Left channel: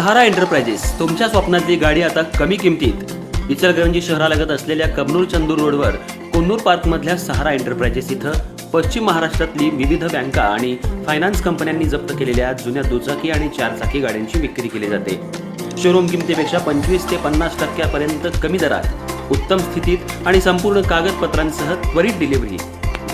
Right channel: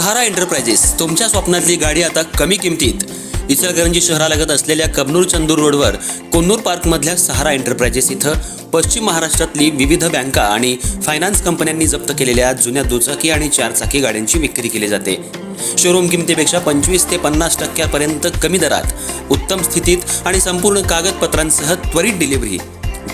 सहारा enterprises तुमच्या स्वप्नातली गाडी आता कमी किमतीत. इचलकरंजी शहरालगत असलेल्या कबनूर चंदूर रोडवर कोन्नूर पार्कमधल्या सहारा एंटरप्राइजेस इथं पश्चिम महाराष्ट्रातली विविध बँका आणि फायनान्स कंपन्यांनी जप्त केलेल्या जुन्या दुचाकी आणि चारचाकी गाड्यांची विक्री केली जाते. शोरूम किमतीपेक्षा 25 ते 50% कमी दरात, उत्तम स्थितीत आणि संपूर्ण कागदपत्रांसह त्वरित डिलिव्हरी.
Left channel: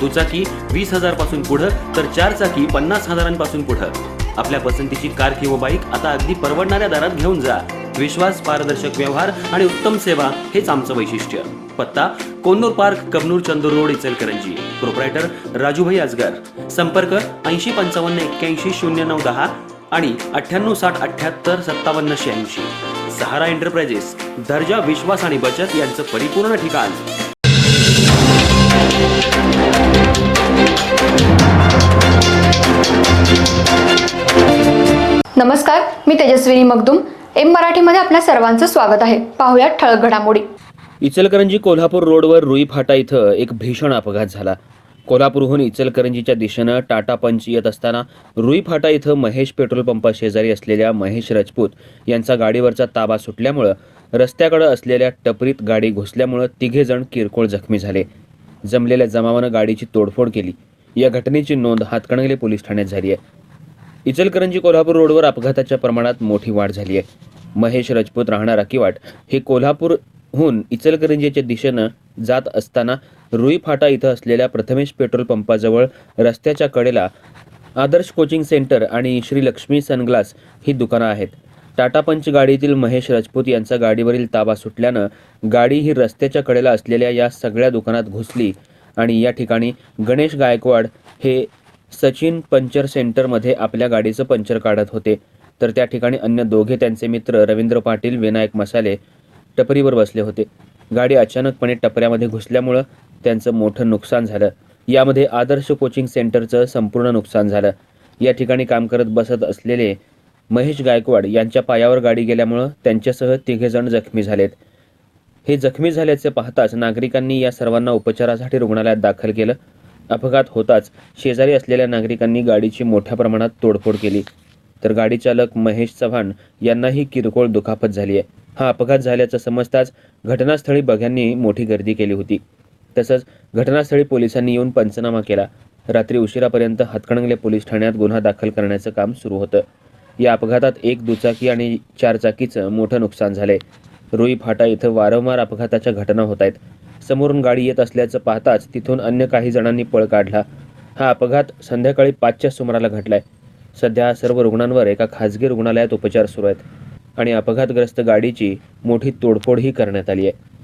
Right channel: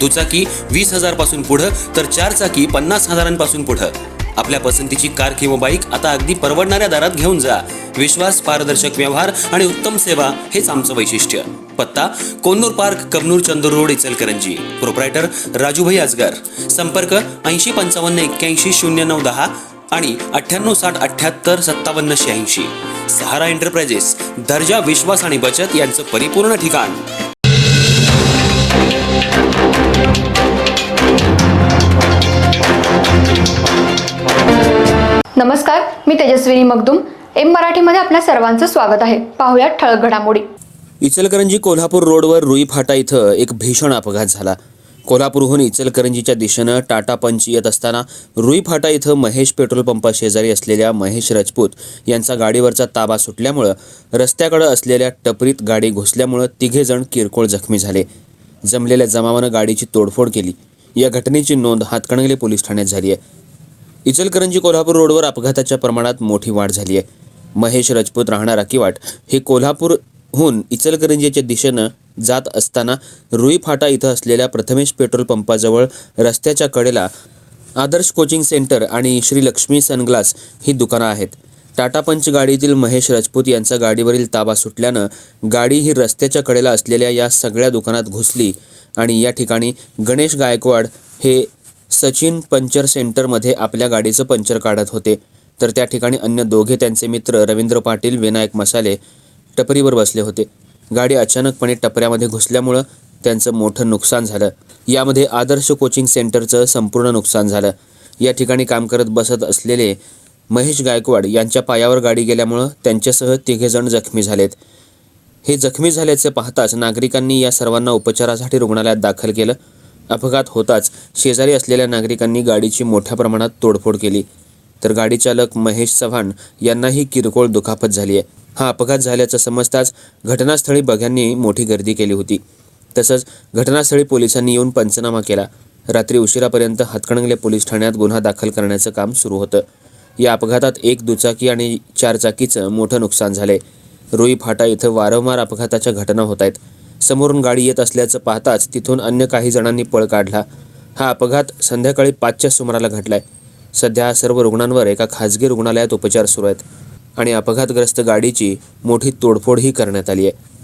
दुचाकी 20,000 पासून पुढे तर चारचाकी 50,000 पुढे. आपल्या पसंतीची कार किंवा बाईक आता अगदी परवडणाऱ्या दरात घेऊन जा. विश्वास, पारदर्शक व्यवहार आणि उत्तम सेवा हेच आमचं वैशिष्ट्य. पत्ता Konnur park, Kabnur Chandur road, Ichalkaranji. Proprietor Rajubhai Ajgar. संपर्क 8055810910 आणि 9860785786. सहारा एंटरप्राइजेस, दर्जा, विश्वास आणि बचत यांचं परिपूर्ण ठिकाण. नमस्कार, मी तेजस्विनी मगदूम. एम मराठीमध्ये आपल्या सर्वांचं स्वागत आहे. पाहूयात ठळक घडामोडी. इचलकरंजी कोल्हापूर रोडवर रुई फाटा इथं एक भीषण अपघात झाला. कोल्हापूरहून इचलकरंजीच्या दिशेनं टाटा पंच येत असताना रुई फाटा इथं महेश पेट्रोल पंपाशेजारी असलेल्या महेश राजपूत यांचा गाडीवरचा ताबा सुटल्यामुळं रस्त्याकडे असलेल्या टपरीत गाडी घुसल्यामुळं तिघेजण किरकोळ जखमी झाले. जमलेल्या जमावानं गाडीची तोडफोड केली. या घटनेची नोंद हातकणंगले पोलीस ठाण्यात झाली आहे. इचलकरंजी कोल्हापूर रोडवर अपघाताच्या प्रमाणात मोठी वाढ झाली आहे. महेश राजपूत राहणार अकिवाट हे कोल्हापूरहून इचलकरंजीच्या दिशेनं जात असताना रुई फाटा इथं असलेल्या प्रथमेश पेट्रोल पंपाजवळ रस्त्याच्या कडेला आदर्श कोचिंग सेंटर आणि श्री लक्ष्मी सनग्लास ही दुकानं आहेत. टाटा पंच गाडीतील महेश राजपूत यांचा गाडीवरील ताबा सुटल्यानं गाडी ही रस्त्याच्या कडेला असलेल्या या सगळ्या दुकानात घुसली आणि या ठिकाणी गणेश गायकवाड हे सचिन पंचर सेंटरमध्ये आपल्या गाडीचं पंचर काढत होते, तर त्या ठिकाणी अन्य दोघे त्यांचे मित्र रवींद्र पाटील, विनायक मसाले टपरीवर बसले होते. गाडी अचानकपणे टपऱ्यामध्ये घुसल्यामुळं त्यांचं मोठं नुकसान झालं. यामध्ये आदर्श कोचिंग सेंटरचं संपूर्ण नुकसान झालं. या ठिकाणी काम करत बसत असलेले महेश गायकवाड यांच्या पायावर गाडी गेल्यामुळं त्यांच्यासह तिघेजण जखमी झालेत. हे जखमी झाल्याचे पाहताच नागरिकांनी या सर्वांना उपचारासाठी रुग्णालयात दाखल केलं. अपघात होताच शेजारी असलेल्या नागरिकांनी गाडीची मोठ्या प्रमाणात तोडफोड केली, तर गाडी चालक महेश चव्हाण यांनाही किरकोळ दुखापत झाली आहे. हा अपघात झाल्याचं समजताच घटनास्थळी बघ्यांनी मोठी गर्दी केली होती. तसंच घटनास्थळी पोलिसांनी येऊन पंचनामा केला. रात्री उशिरापर्यंत हातकणंगले पोलीस ठाण्यात गुन्हा दाखल करण्याचं काम सुरू होतं. या अपघातात एक दुचाकी आणि चारचाकीचं मोठं नुकसान झालंय. रुई फाटा इथं वारंवार अपघाताच्या घटना होत आहेत. समोरून गाडी येत असल्याचं पाहताच तिथून अन्य काही जणांनी पळ काढला. हा अपघात संध्याकाळी 5च्या सुमाराला घडलाय. सध्या सर्व रुग्णांवर एका खाजगी रुग्णालयात उपचार सुरू आहेत आणि अपघातग्रस्त गाडीची मोठी तोडफोडही करण्यात आली आहे.